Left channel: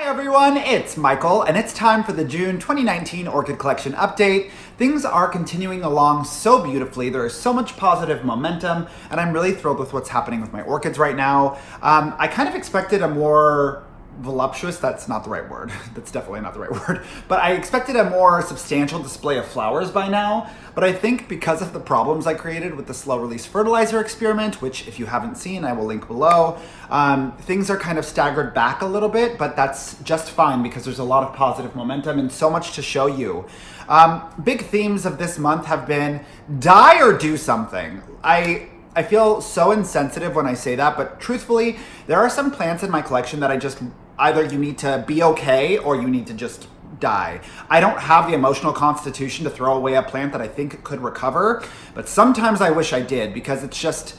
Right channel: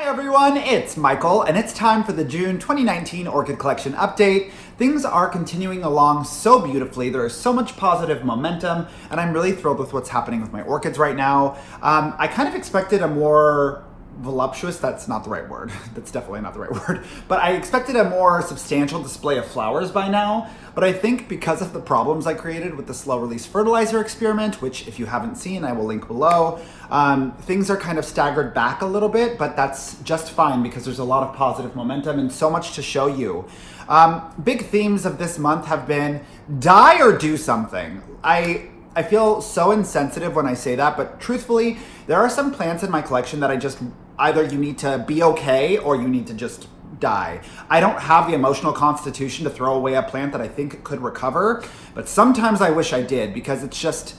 Hi everyone, it's Michael, and it's time for the June 2019 Orchid Collection update. Things are continuing along so beautifully. There is so much positive momentum, and I'm really thrilled with what's happening with my orchids right now. I kind of expected a more voluptuous, that's not the right word, that's definitely not the right word, but I expected a more substantial display of flowers by now, but I think because of the problems I created with the slow release fertilizer experiment, which if you haven't seen, I will link below, things are kind of staggered back a little bit, but that's just fine because there's a lot of positive momentum and so much to show you. Big themes of this month have been die or do something. I feel so insensitive when I say that, but truthfully, there are some plants in my collection that I just, either you need to be okay or you need to just die. I don't have the emotional constitution to throw away a plant that I think could recover, but sometimes I wish I did because it's just,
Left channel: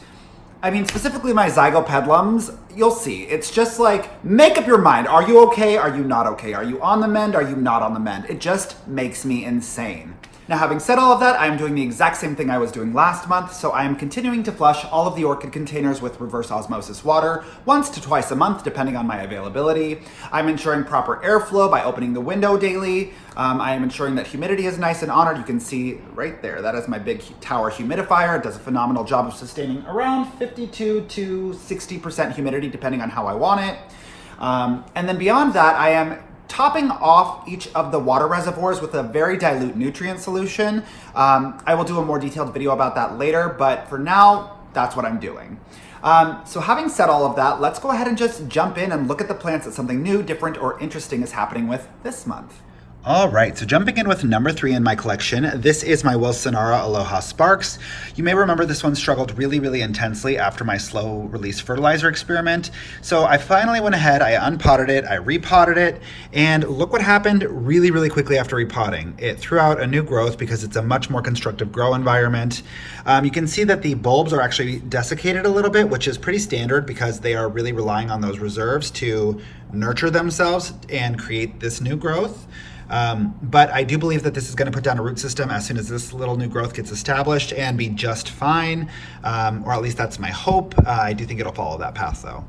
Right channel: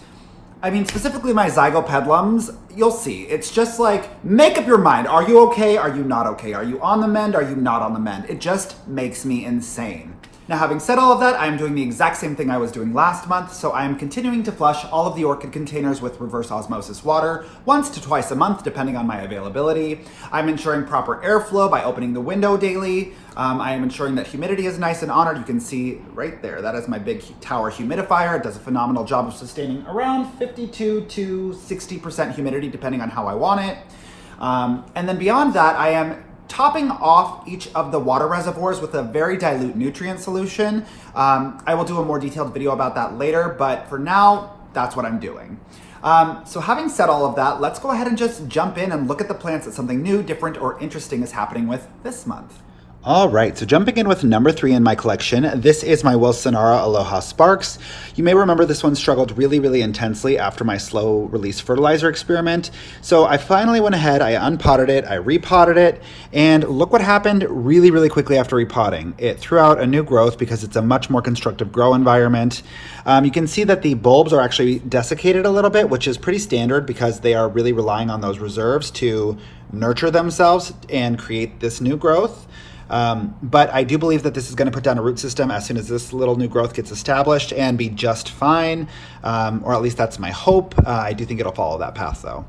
I mean, specifically my Zico Pendulums, you'll see. It's just like, make up your mind. Are you okay? Are you not okay? Are you on the mend? Are you not on the mend? It just makes me insane. Now, having said all of that, I am doing the exact same thing I was doing last month, so I am continuing to flush all of the orchid containers with reverse osmosis water once to twice a month, depending on my availability. I'm ensuring proper airflow by opening the window daily. I am ensuring that humidity is nice and honored. You can see right there, that is my big tower humidifier. It does a phenomenal job of sustaining around 52 to 60% humidity, depending on how I want it. And then beyond that, I am topping off each of the water reservoirs with a very dilute nutrient solution. I will do a more detailed video about that later, but for now, that's what I'm doing. So having said all of that, let's go ahead and just jump in and look at the plants that something new, different, or interesting is happening with this month. All right, so jumping in with number 3 in my collection, this is my Wilsonara Aloha Sparks. You may remember this one struggled really intensely after my slow release fertilizer experiment. So I finally went ahead, I unpotted it, I repotted it, and look what happened really quickly after repotting. It threw out a new growth because it's a much more constructive grow environment. You can see that the bulbs are actually desiccated a little bit, which is pretty standard because they are really relying on those reserves to nurture themselves and create this new growth. But I do believe that this is going to put down a root system as soon as this little new growth gets established and be just fine, or at least that's my hope. I do think it'll follow that path though.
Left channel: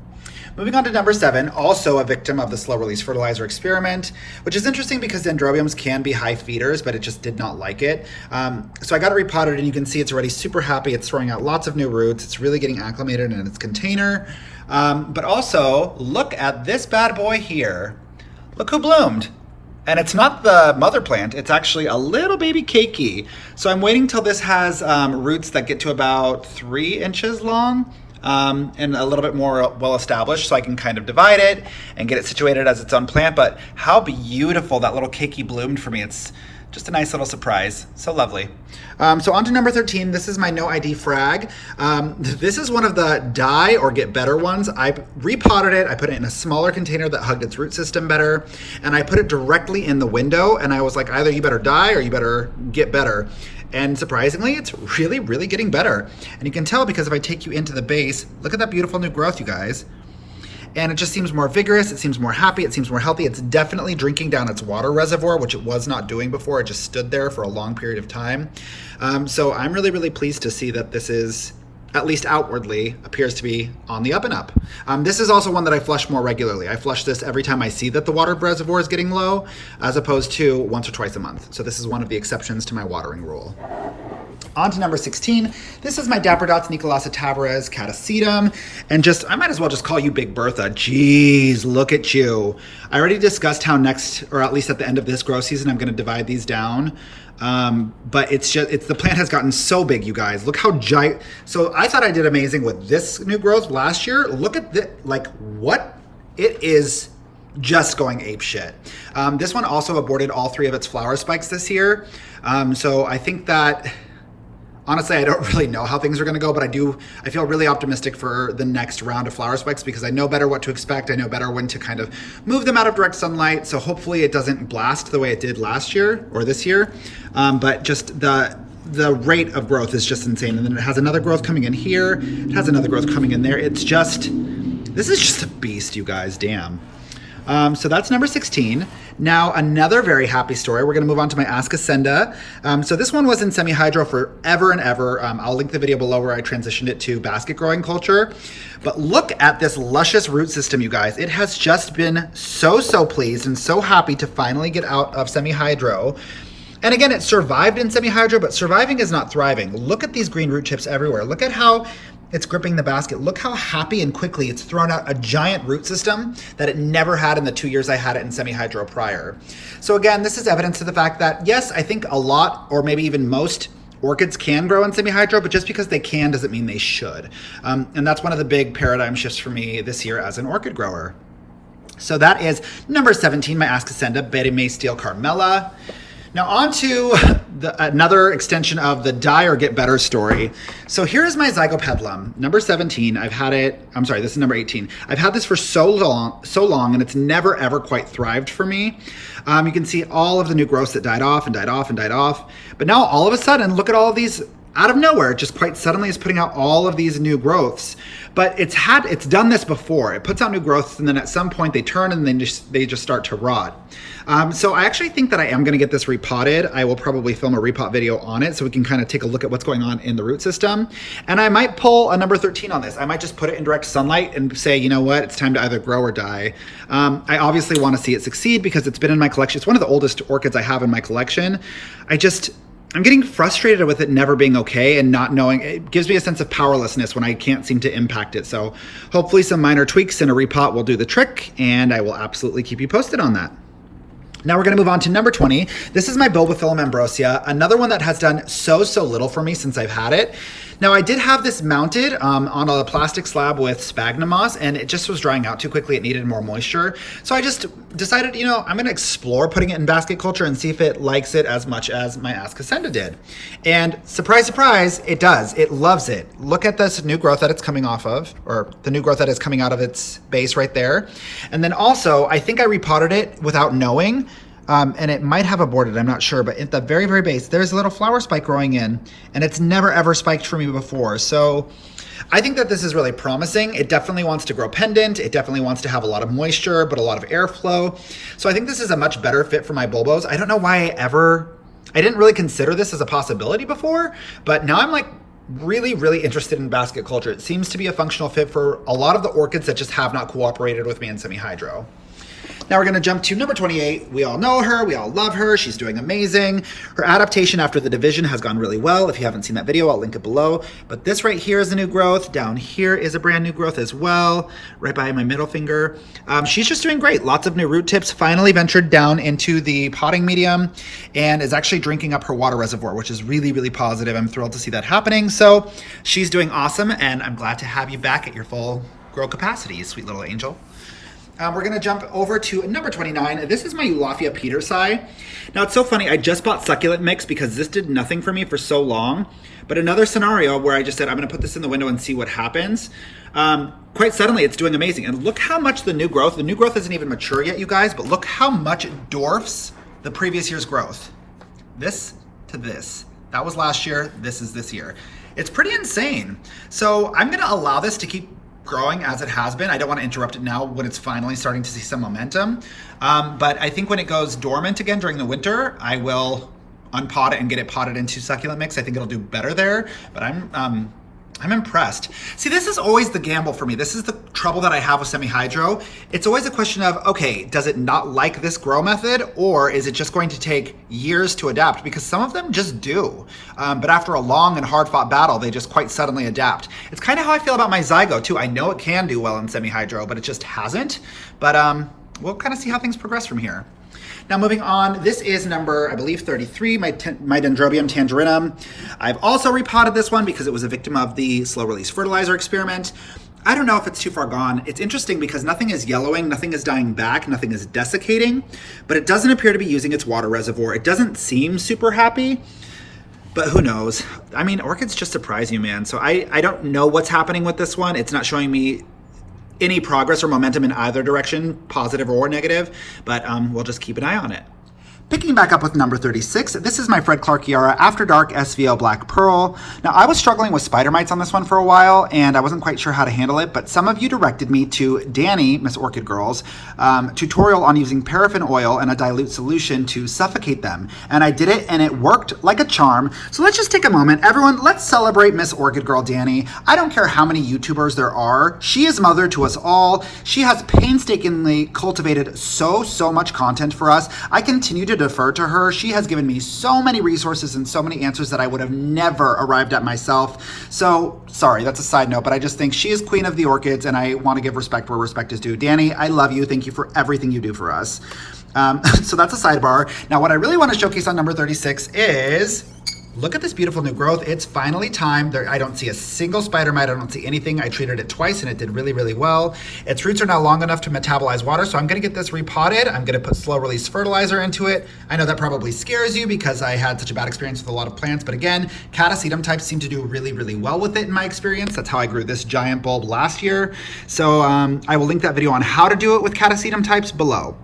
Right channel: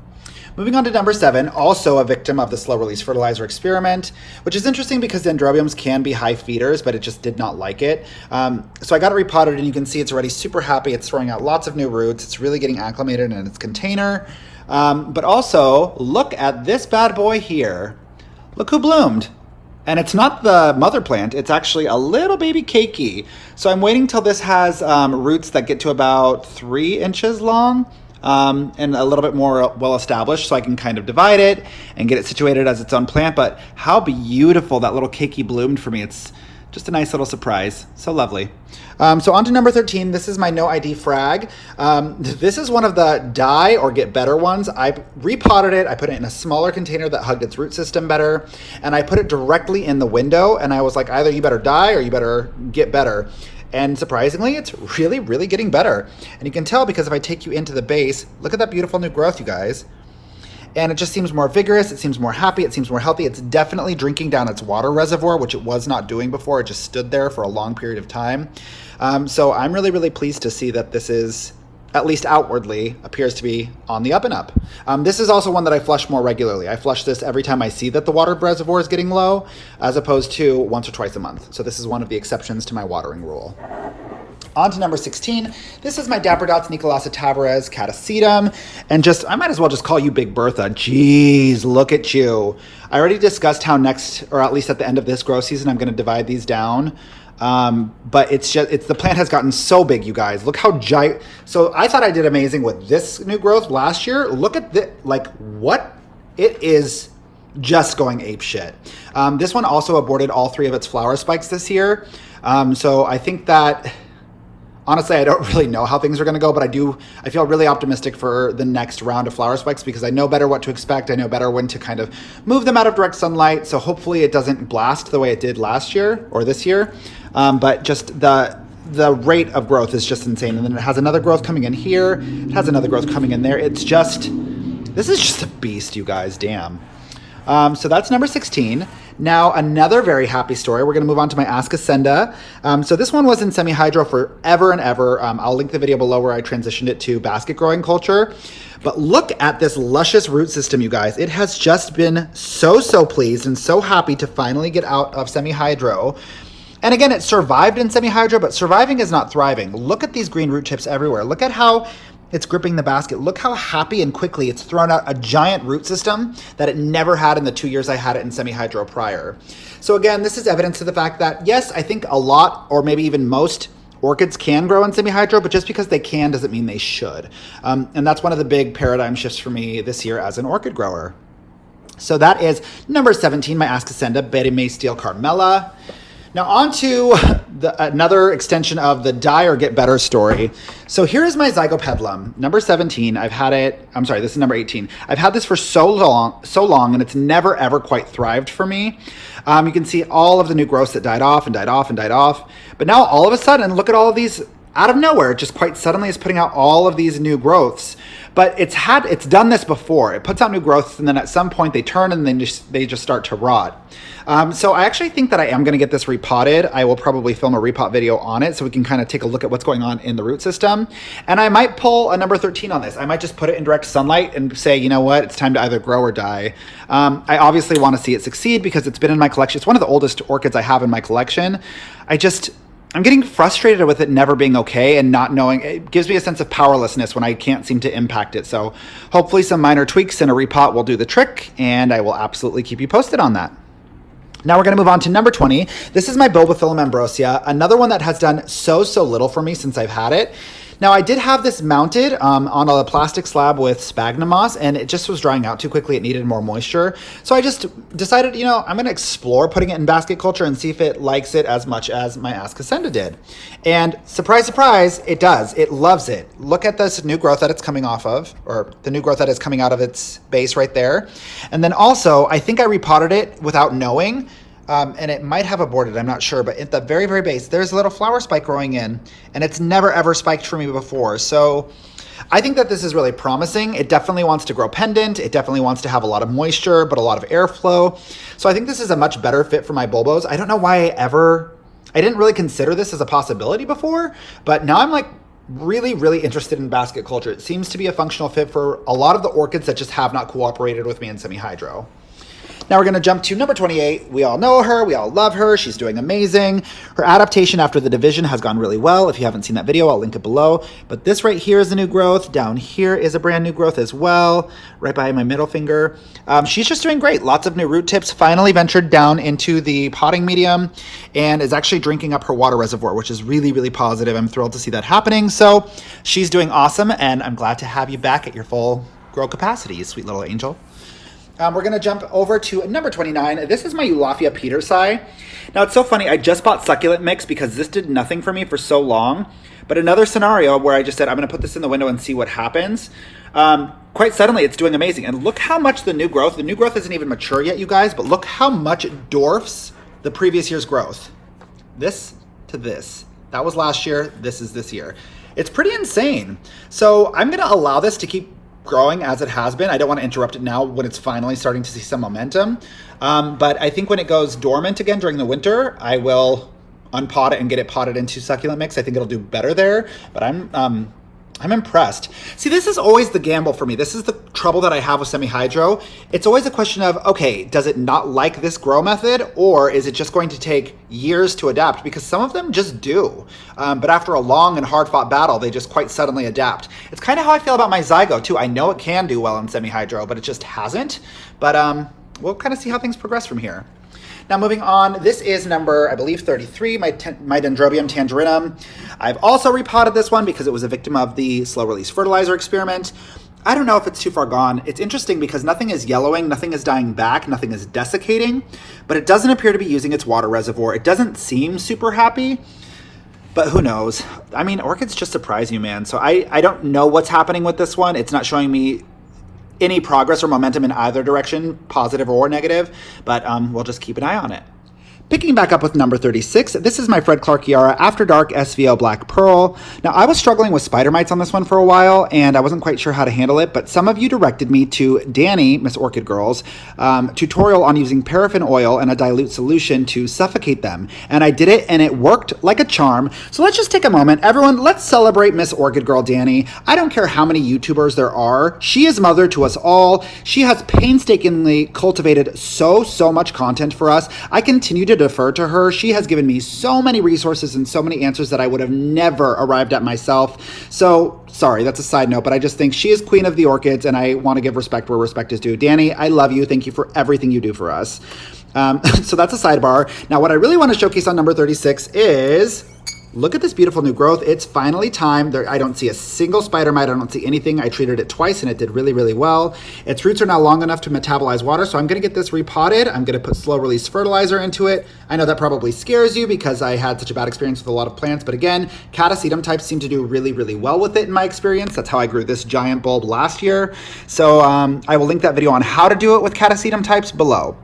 Moving on to number 7, also a victim of the slow release fertilizer experiment, which is interesting because Dendrobiums can be high feeders, but it just did not like it. So I got it repotted and you can see it's already super happy. It's throwing out lots of new roots. It's really getting acclimated in its container. But also look at this bad boy here. Look who bloomed. And it's not the mother plant, it's actually a little baby Keiki. So I'm waiting till this has roots that get to about 3 inches long and a little bit more well established so I can kind of divide it and get it situated as its own plant. But how beautiful that little Keiki bloomed for me. It's just a nice little surprise. So lovely. So on to number 13. This is my no ID frag. This is one of the die or get better ones. I repotted it. I put it in a smaller container that hugged its root system better. And I put it directly in the window. And I was like, either you better die or you better get better. And surprisingly, it's really getting better. And you can tell because if I take you into the base, look at that beautiful new growth, you guys. And it just seems more vigorous, it seems more happy, it seems more healthy. It's definitely drinking down its water reservoir, which it was not doing before. It just stood there for a long period of time. So I'm really pleased to see that this is, at least outwardly, appears to be on the up and up. This is also one that I flush more regularly. I flush this every time I see that the water reservoir is getting low, as opposed to once or twice a month. So this is one of the exceptions to my watering rule. On to number 16. This is my Dapper Dots Nicolasa Tavares Catasetum. And just, I might as well just call you Big Bertha. Jeez, look at you. I already discussed how next, or at least at the end of this grow season, I'm going to divide these down. But the plant has gotten so big, you guys. Look how giant. So I thought I did amazing with this new growth last year. Look at this, like what? It is just going ape shit. This one also aborted all 3 of its flower spikes this year. So I think that, honestly, I don't really know how things are going to go, but I feel really optimistic for the next round of flower spikes because I know better what to expect. I know better when to kind of move them out of direct sunlight. So hopefully it doesn't blast the way it did last year or this year. But just the rate of growth is just insane. And then it has another growth coming in here. It has another growth coming in there. This is just a beast, you guys, damn. So that's number 16. Now, another very happy story. We're going to move on to my Ascocenda. So this one was in semi-hydro forever and ever. I'll link the video below where I transitioned it to basket growing culture. But look at this luscious root system, you guys. It has just been so pleased and so happy to finally get out of semi-hydro. And again, it survived in semi-hydro, but surviving is not thriving. Look at these green root tips everywhere. Look at how it's gripping the basket. Look how happy and quickly it's thrown out a giant root system that it never had in the 2 years I had it in semi-hydro prior. So again, this is evidence to the fact that, yes, I think a lot, or maybe even most, orchids can grow in semi-hydro, but just because they can doesn't mean they should. And that's one of the big paradigm shifts for me this year as an orchid grower. So that is number 17, my Ascocenda, Betty Steele Carmela. Now on to another extension of the die or get better story. So here's my Zico Pendulum, number 17. I've had it, I'm sorry, this is number 18. I've had this for so long, and it's never ever quite thrived for me. You can see all of the new growths that died off and died off and died off. But now all of a sudden, look at all of these out of nowhere, just quite suddenly is putting out all of these new growths. But it's done this before. It puts out new growths, and then at some point they turn and then they just start to rot. So I actually think that I am going to get this repotted. I will probably film a repot video on it so we can kind of take a look at what's going on in the root system. And I might pull a number 13 on this. I might just put it in direct sunlight and say, you know what, it's time to either grow or die. I obviously want to see it succeed because it's been in my collection. It's one of the oldest orchids I have in my collection. I'm getting frustrated with it never being okay and not knowing. It gives me a sense of powerlessness when I can't seem to impact it. So hopefully some minor tweaks and a repot will do the trick, and I will absolutely keep you posted on that. Now we're going to move on to number 20. This is my Bulbophyllum Ambrosia, another one that has done so little for me since I've had it. Now I did have this mounted on a plastic slab with sphagnum moss, and it just was drying out too quickly. It needed more moisture. So I just decided, you know, I'm going to explore putting it in basket culture and see if it likes it as much as my Ascocenda did. And surprise, surprise, it does. It loves it. Look at this new growth that it's coming off of, or the new growth that is coming out of its base right there. And then also, I think I repotted it without knowing. And it might have aborted, I'm not sure, but at the very base, there's a little flower spike growing in, and it's never ever spiked for me before. So I think that this is really promising. It definitely wants to grow pendant. It definitely wants to have a lot of moisture, but a lot of airflow. So I think this is a much better fit for my bulbos. I don't know why I didn't really consider this as a possibility before, but now I'm like really interested in basket culture. It seems to be a functional fit for a lot of the orchids that just have not cooperated with me in semi-hydro. Now we're going to jump to number 28. We all know her. We all love her. She's doing amazing. Her adaptation after the division has gone really well. If you haven't seen that video, I'll link it below. But this right here is a new growth. Down here is a brand new growth as well, right by my middle finger. She's just doing great. Lots of new root tips. Finally ventured down into the potting medium and is actually drinking up her water reservoir, which is really positive. I'm thrilled to see that happening. So she's doing awesome, and I'm glad to have you back at your full grow capacity, sweet little angel. We're going to jump over to number 29. This is my Eulophia petersi. Now, it's so funny. I just bought succulent mix because this did nothing for me for so long. But another scenario where I just said, I'm going to put this in the window and see what happens. Quite suddenly, it's doing amazing. And look how much the new growth isn't even mature yet, you guys, but look how much it dwarfs the previous year's growth. This to this. That was last year. This is this year. It's pretty insane. So I'm going to allow this to keep growing as it has been. I don't want to interrupt it now when it's finally starting to see some momentum. But I think when it goes dormant again during the winter, I will unpot it and get it potted into succulent mix. I think it'll do better there, but I'm impressed. See, this is always the gamble for me. This is the trouble that I have with semi-hydro. It's always a question of, okay, does it not like this grow method, or is it just going to take years to adapt? Because some of them just do. But after a long and hard-fought battle, they just quite suddenly adapt. It's kind of how I feel about my Zygo, too. I know it can do well in semi-hydro, but it just hasn't. But we'll kind of see how things progress from here. Now moving on, this is number, I believe, 33, my Dendrobium tangerinum. I've also repotted this one because it was a victim of the slow-release fertilizer experiment. I don't know if it's too far gone. It's interesting because nothing is yellowing, nothing is dying back, nothing is desiccating, but it doesn't appear to be using its water reservoir. It doesn't seem super happy, but who knows? I mean, orchids just surprise you, man. So I don't know what's happening with this one. It's not showing me any progress or momentum in either direction, positive or negative, but we'll just keep an eye on it. Picking back up with number 36, this is my Fred Clarkiara After Dark SVO Black Pearl. Now, I was struggling with spider mites on this one for a while, and I wasn't quite sure how to handle it, but some of you directed me to Danny, Miss Orchid Girl's, tutorial on using paraffin oil and a dilute solution to suffocate them. And I did it, and it worked like a charm. So let's just take a moment. Everyone, let's celebrate Miss Orchid Girl Danny. I don't care how many YouTubers there are. She is mother to us all. She has painstakingly cultivated so much content for us. I continue to defer to her. She has given me so many resources and so many answers that I would have never arrived at myself. So, sorry, that's a side note, but I just think she is queen of the orchids, and I want to give respect where respect is due. Danny, I love you. Thank you for everything you do for us. So that's a sidebar. Now, what I really want to showcase on number 36 is... look at this beautiful new growth. It's finally time. I don't see a single spider mite. I don't see anything. I treated it twice and it did really well. Its roots are now long enough to metabolize water, so I'm gonna get this repotted. I'm gonna put slow release fertilizer into it. I know that probably scares you because I had such a bad experience with a lot of plants, but again, Catasetum types seem to do really well with it in my experience. That's how I grew this giant bulb last year. So I will link that video on how to do it with Catasetum types below.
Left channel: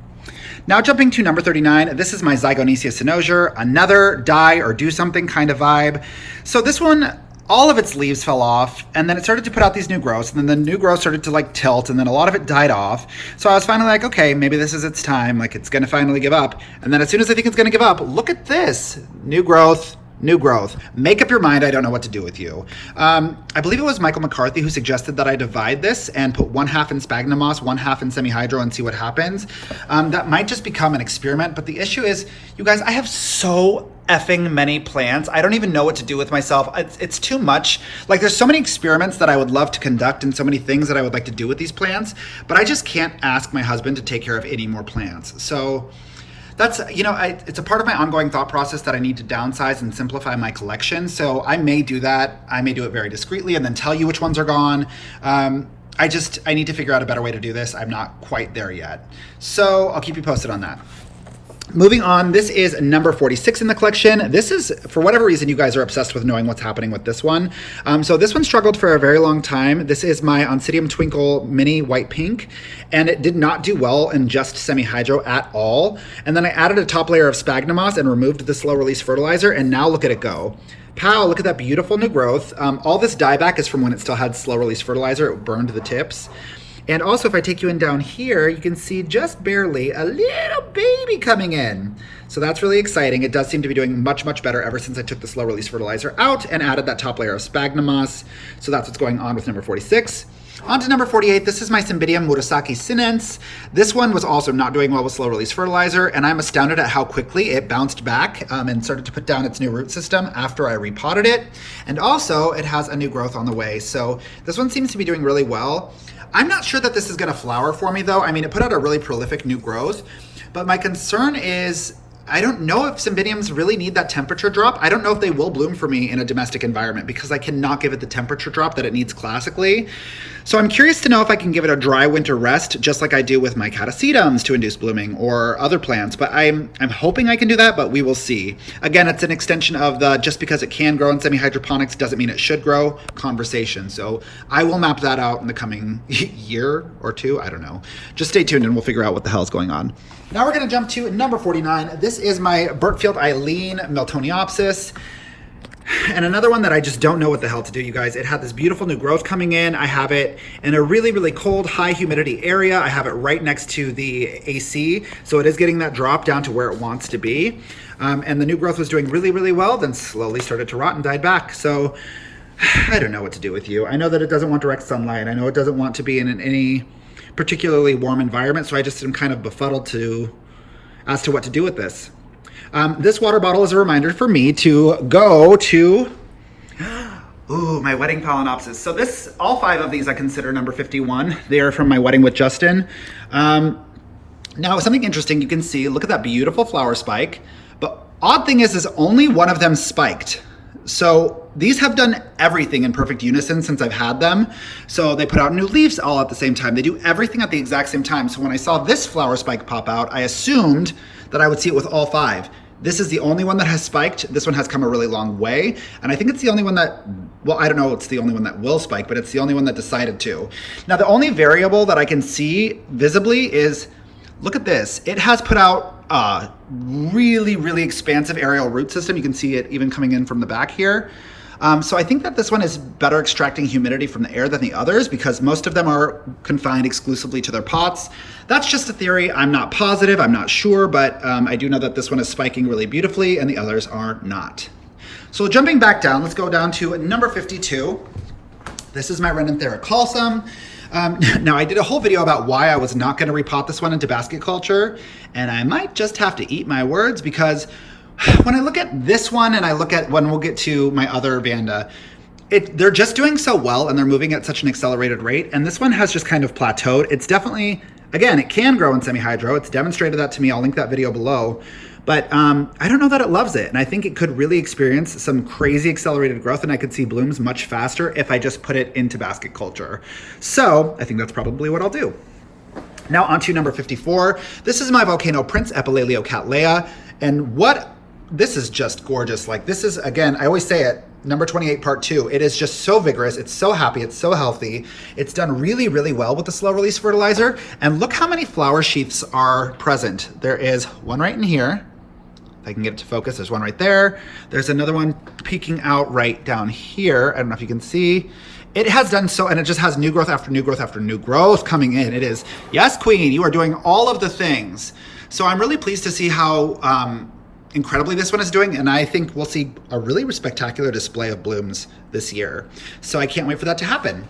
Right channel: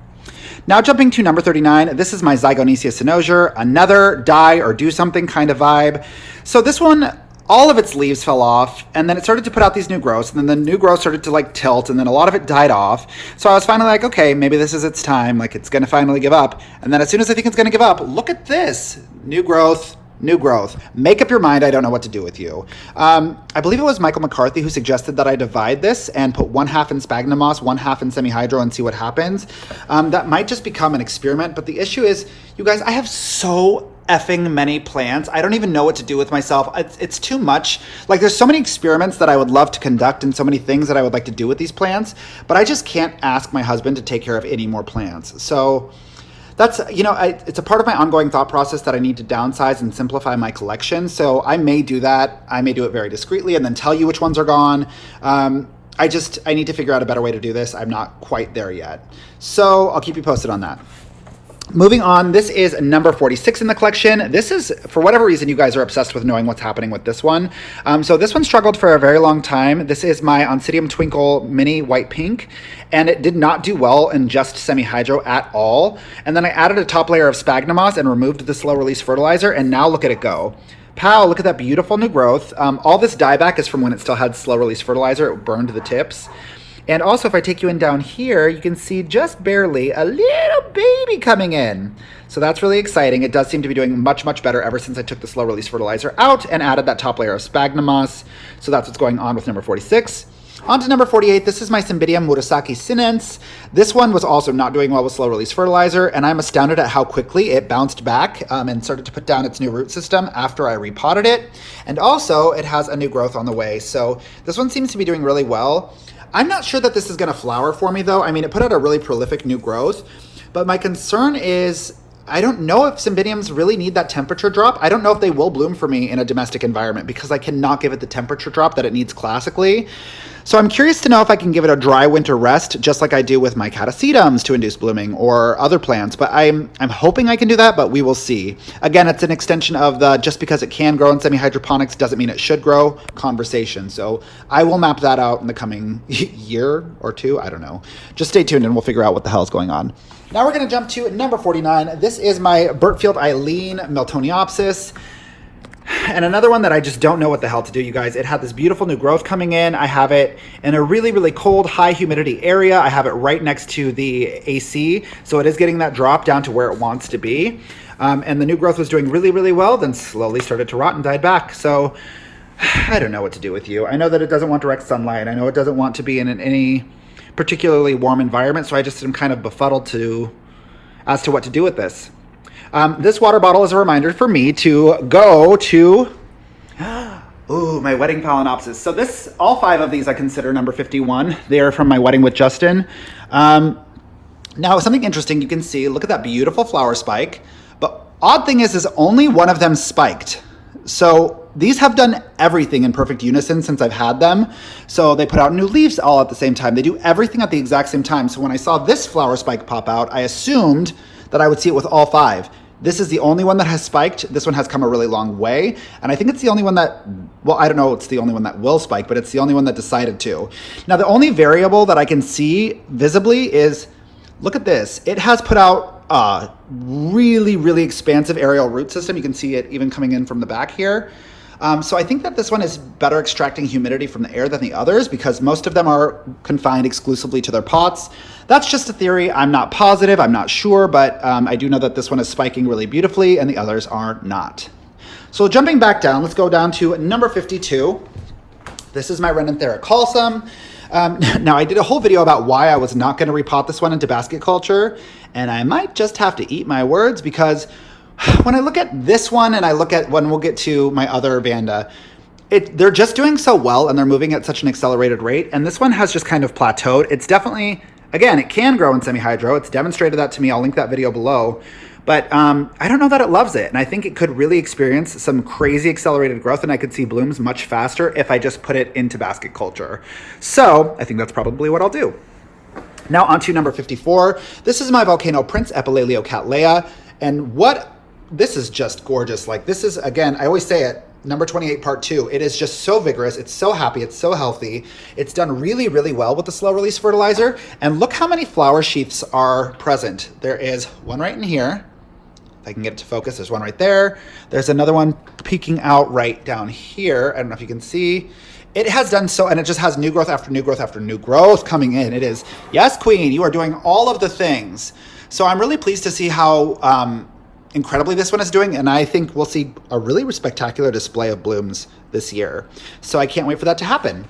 Now jumping to number 39, this is my Zygonesia cynosure, another die or do something kind of vibe. So this one, all of its leaves fell off, and then it started to put out these new growths, and then the new growth started to like tilt, and then a lot of it died off. So I was finally like, okay, maybe this is its time, like it's gonna finally give up. And then as soon as I think it's gonna give up, look at this, new growth. New growth. Make up your mind. I don't know what to do with you. I believe it was Michael McCarthy who suggested that I divide this and put 1/2 in sphagnum moss, 1/2 in semi-hydro and see what happens. That might just become an experiment, but the issue is, you guys, I have so effing many plants. I don't even know what to do with myself. It's too much. Like, there's so many experiments that I would love to conduct and so many things that I would like to do with these plants, but I just can't ask my husband to take care of any more plants. So that's, you know, it's a part of my ongoing thought process that I need to downsize and simplify my collection. So I may do that. I may do it very discreetly and then tell you which ones are gone. I need to figure out a better way to do this. I'm not quite there yet. So I'll keep you posted on that. Moving on, this is number 46 in the collection. This is, for whatever reason, you guys are obsessed with knowing what's happening with this one. So this one struggled for a very long time. This is my Oncidium Twinkle Mini White Pink, and it did not do well in just semi-hydro at all. And then I added a top layer of sphagnum moss and removed the slow release fertilizer, and now look at it go. Pow, look at that beautiful new growth. All this dieback is from when it still had slow release fertilizer. It burned the tips. And also, if I take you in down here, you can see just barely a little baby coming in. So that's really exciting. It does seem to be doing much better ever since I took the slow release fertilizer out and added that top layer of sphagnum moss. So that's what's going on with number 46. On to number 48, this is my Cymbidium Murasaki sinense. This one was also not doing well with slow release fertilizer, and I'm astounded at how quickly it bounced back and started to put down its new root system after I repotted it. And also, it has a new growth on the way. So this one seems to be doing really well. I'm not sure that this is gonna flower for me though. I mean, it put out a really prolific new growth, but my concern is, I don't know if Cymbidiums really need that temperature drop. I don't know if they will bloom for me in a domestic environment because I cannot give it the temperature drop that it needs classically. So I'm curious to know if I can give it a dry winter rest, just like I do with my Catasetums to induce blooming or other plants. But I'm hoping I can do that, but we will see. Again, it's an extension of the just because it can grow in semi-hydroponics doesn't mean it should grow conversation. So I will map that out in the coming year or two. I don't know. Just stay tuned and we'll figure out what the hell is going on. Now we're going to jump to number 49. This is my Bert Field Eileen Miltoniopsis. And another one that I just don't know what the hell to do, you guys. It had this beautiful new growth coming in. I have it in a really cold, high humidity area. I have it right next to the AC. So it is getting that drop down to where it wants to be. And the new growth was doing really well, then slowly started to rot and died back. So I don't know what to do with you. I know that it doesn't want direct sunlight. I know it doesn't want to be in any particularly warm environment. So I just am kind of befuddled as to what to do with this. This water bottle is a reminder for me to go to, my wedding Phalaenopsis. So all 5 of these I consider number 51. They are from my wedding with Justin. Now, something interesting you can see, look at that beautiful flower spike. But odd thing is only one of them spiked. So these have done everything in perfect unison since I've had them. So they put out new leaves all at the same time. They do everything at the exact same time. So when I saw this flower spike pop out, I assumed that I would see it with all 5. This is the only one that has spiked. This one has come a really long way. And I think it's the only one that, well, I don't know it's the only one that will spike, but it's the only one that decided to. Now, the only variable that I can see visibly is, look at this. It has put out really, really expansive aerial root system. You can see it even coming in from the back here. So I think that this one is better extracting humidity from the air than the others because most of them are confined exclusively to their pots. That's just a theory. I'm not positive, I'm not sure, but I do know that this one is spiking really beautifully and the others are not. So jumping back down, let's go down to number 52. This is my Renanthera calcum. Now I did a whole video about why I was not going to repot this one into basket culture, and I might just have to eat my words because when I look at this one and I look at when we'll get to my other Vanda, they're just doing so well and they're moving at such an accelerated rate, and this one has just kind of plateaued. It's definitely, again, it can grow in semi-hydro. It's demonstrated that to me. I'll link that video below. But I don't know that it loves it. And I think it could really experience some crazy accelerated growth, and I could see blooms much faster if I just put it into basket culture. So I think that's probably what I'll do. Now on to number 54. This is my Volcano Prince Epilelio Cattleya. And this is just gorgeous. Like, this is, again, I always say it, number 28 part 2. It is just so vigorous. It's so happy. It's so healthy. It's done really, really well with the slow release fertilizer. And look how many flower sheaths are present. There is one right in here. If I can get it to focus, there's one right there. There's another one peeking out right down here. I don't know if you can see. It has done so, and it just has new growth after new growth after new growth coming in. It is, yes, Queen, you are doing all of the things. So I'm really pleased to see how incredibly this one is doing, and I think we'll see a really spectacular display of blooms this year. So I can't wait for that to happen.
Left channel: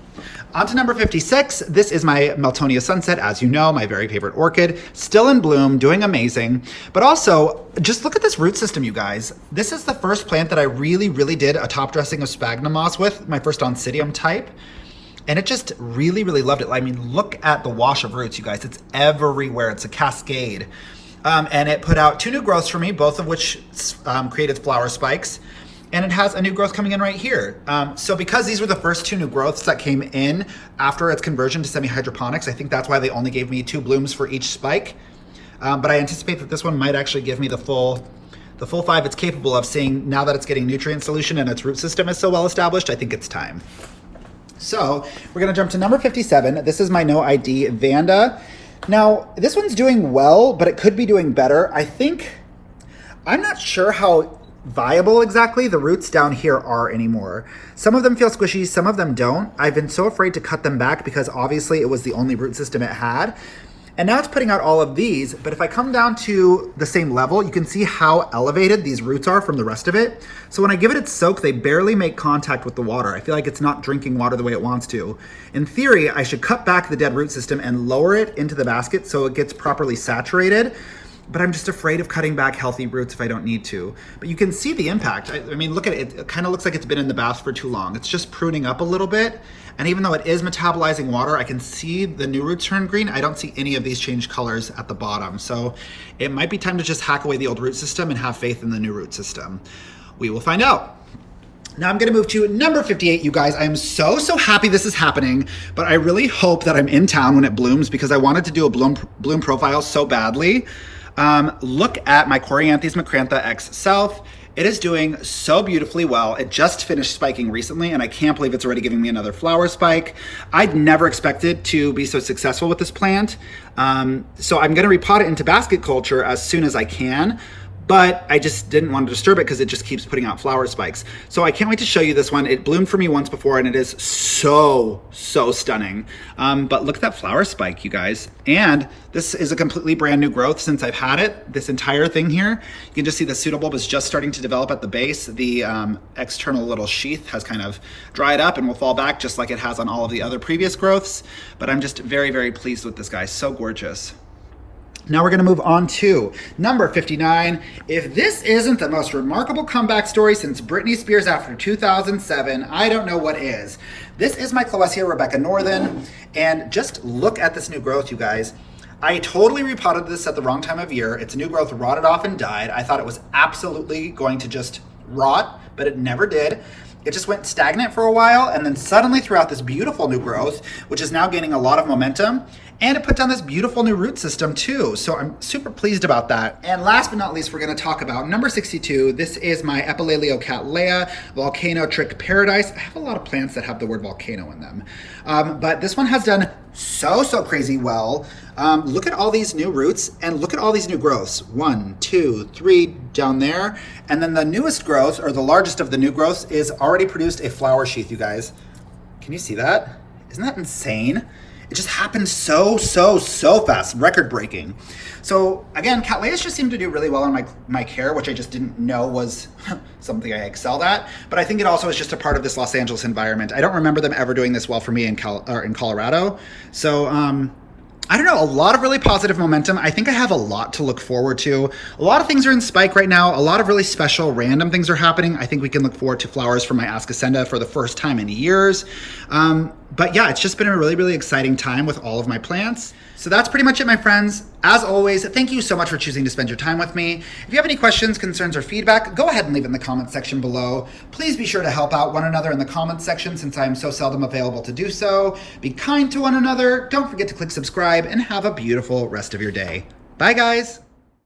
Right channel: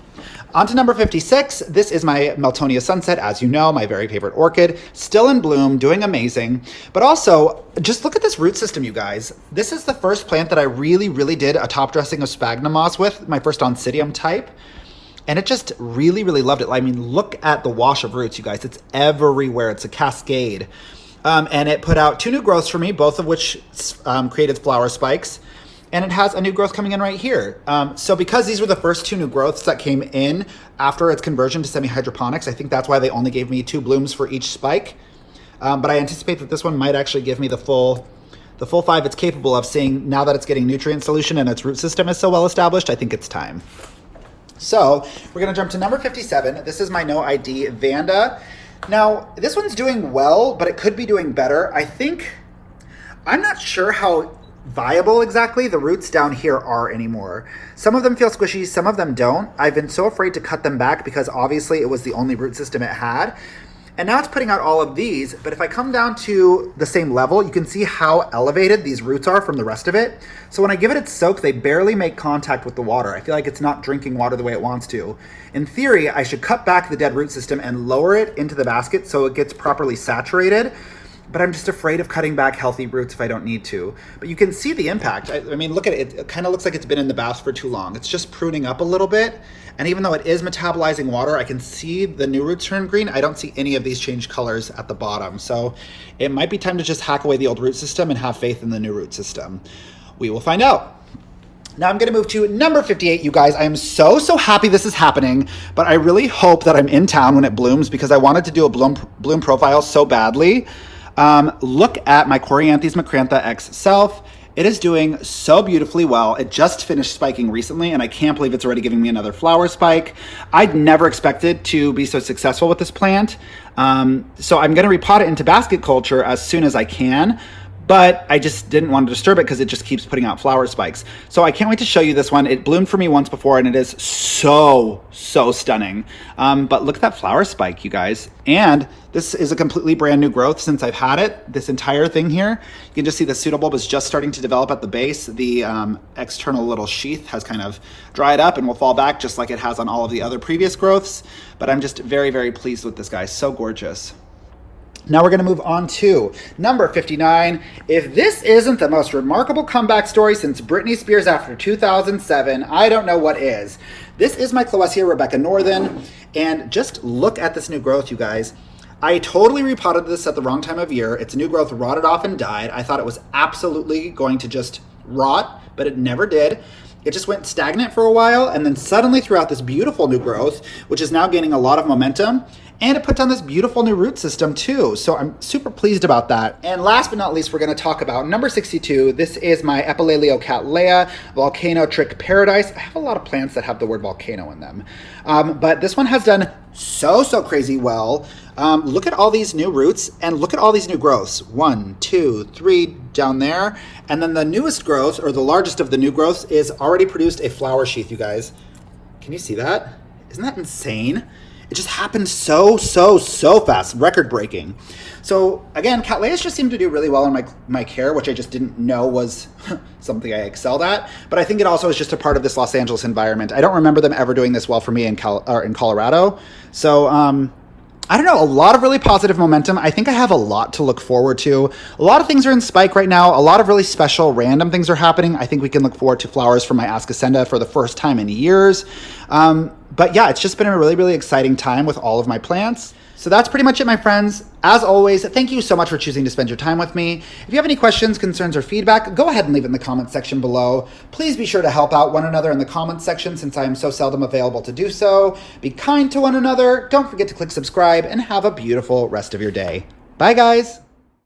On to number 56. This is my Meltonia Sunset, as you know, my very favorite orchid. Still in bloom, doing amazing. But also, just look at this root system, you guys. This is the first plant that I really, really did a top dressing of sphagnum moss with, my first Oncidium type. And it just really, really loved it. I mean, look at the wash of roots, you guys. It's everywhere. It's a cascade. And it put out 2 new growths for me, both of which created flower spikes. And it has a new growth coming in right here. So because these were the first 2 new growths that came in after its conversion to semi-hydroponics, I think that's why they only gave me 2 blooms for each spike. But I anticipate that this one might actually give me the full 5 it's capable of, seeing now that it's getting nutrient solution and its root system is so well established. I think it's time. So we're gonna jump to number 57. This is my No ID Vanda. Now, this one's doing well, but it could be doing better. I'm not sure how viable exactly the roots down here are anymore. Some of them feel squishy, some of them don't. I've been so afraid to cut them back because obviously it was the only root system it had. And now it's putting out all of these, but if I come down to the same level, you can see how elevated these roots are from the rest of it. So when I give it its soak, they barely make contact with the water. I feel like it's not drinking water the way it wants to. In theory, I should cut back the dead root system and lower it into the basket so it gets properly saturated. But I'm just afraid of cutting back healthy roots if I don't need to. But you can see the impact. I mean, look at it. It kind of looks like it's been in the bath for too long. It's just pruning up a little bit. And even though it is metabolizing water, I can see the new roots turn green. I don't see any of these change colors at the bottom. So it might be time to just hack away the old root system and have faith in the new root system. We will find out. Now I'm gonna move to number 58, you guys. I am so happy this is happening, but I really hope that I'm in town when it blooms because I wanted to do a bloom profile so badly. Look at my Coryanthes macrantha X South. It is doing so beautifully well. It just finished spiking recently, and I can't believe it's already giving me another flower spike. I'd never expected to be so successful with this plant. So I'm gonna repot it into basket culture as soon as I can, but I just didn't want to disturb it because it just keeps putting out flower spikes. So I can't wait to show you this one. It bloomed for me once before and it is so stunning. But look at that flower spike, you guys. And this is a completely brand new growth since I've had it. This entire thing here, you can just see the pseudobulb is just starting to develop at the base. The external little sheath has kind of dried up and will fall back just like it has on all of the other previous growths. But I'm just very pleased with this guy, so gorgeous. Now we're gonna move on to number 59. If this isn't the most remarkable comeback story since Britney Spears after 2007, I don't know what is. This is my Cloesia Rebecca Northern, and just look at this new growth, you guys. I totally repotted this at the wrong time of year. Its new growth rotted off and died. I thought it was absolutely going to just rot, but it never did. It just went stagnant for a while and then suddenly threw out this beautiful new growth, which is now gaining a lot of momentum. And it put down this beautiful new root system too. So I'm super pleased about that. And last but not least, we're gonna talk about number 62. This is my Epilelio Cattleya Volcano Trick Paradise. I have a lot of plants that have the word volcano in them. But this one has done so crazy well. Look at all these new roots and look at all these new growths. 1, 2, 3 down there. And then the newest growth, or the largest of the new growths, is already produced a flower sheath, you guys. Can you see that? Isn't that insane? It just happened so fast, record breaking. So again, Cattleyas just seem to do really well in my care, which I just didn't know was something I excelled at. But I think it also is just a part of this Los Angeles environment. I don't remember them ever doing this well for me in Colorado. So I don't know, a lot of really positive momentum. I think I have a lot to look forward to. A lot of things are in spike right now. A lot of really special random things are happening. I think we can look forward to flowers from my Ascocenda for the first time in years. But yeah, it's just been a really exciting time with all of my plants. So that's pretty much it, my friends. As always, thank you so much for choosing to spend your time with me. If you have any questions, concerns, or feedback, go ahead and leave it in the comments section below. Please be sure to help out one another in the comments section since I am so seldom available to do so. Be kind to one another. Don't forget to click subscribe and have a beautiful rest of your day. Bye, guys.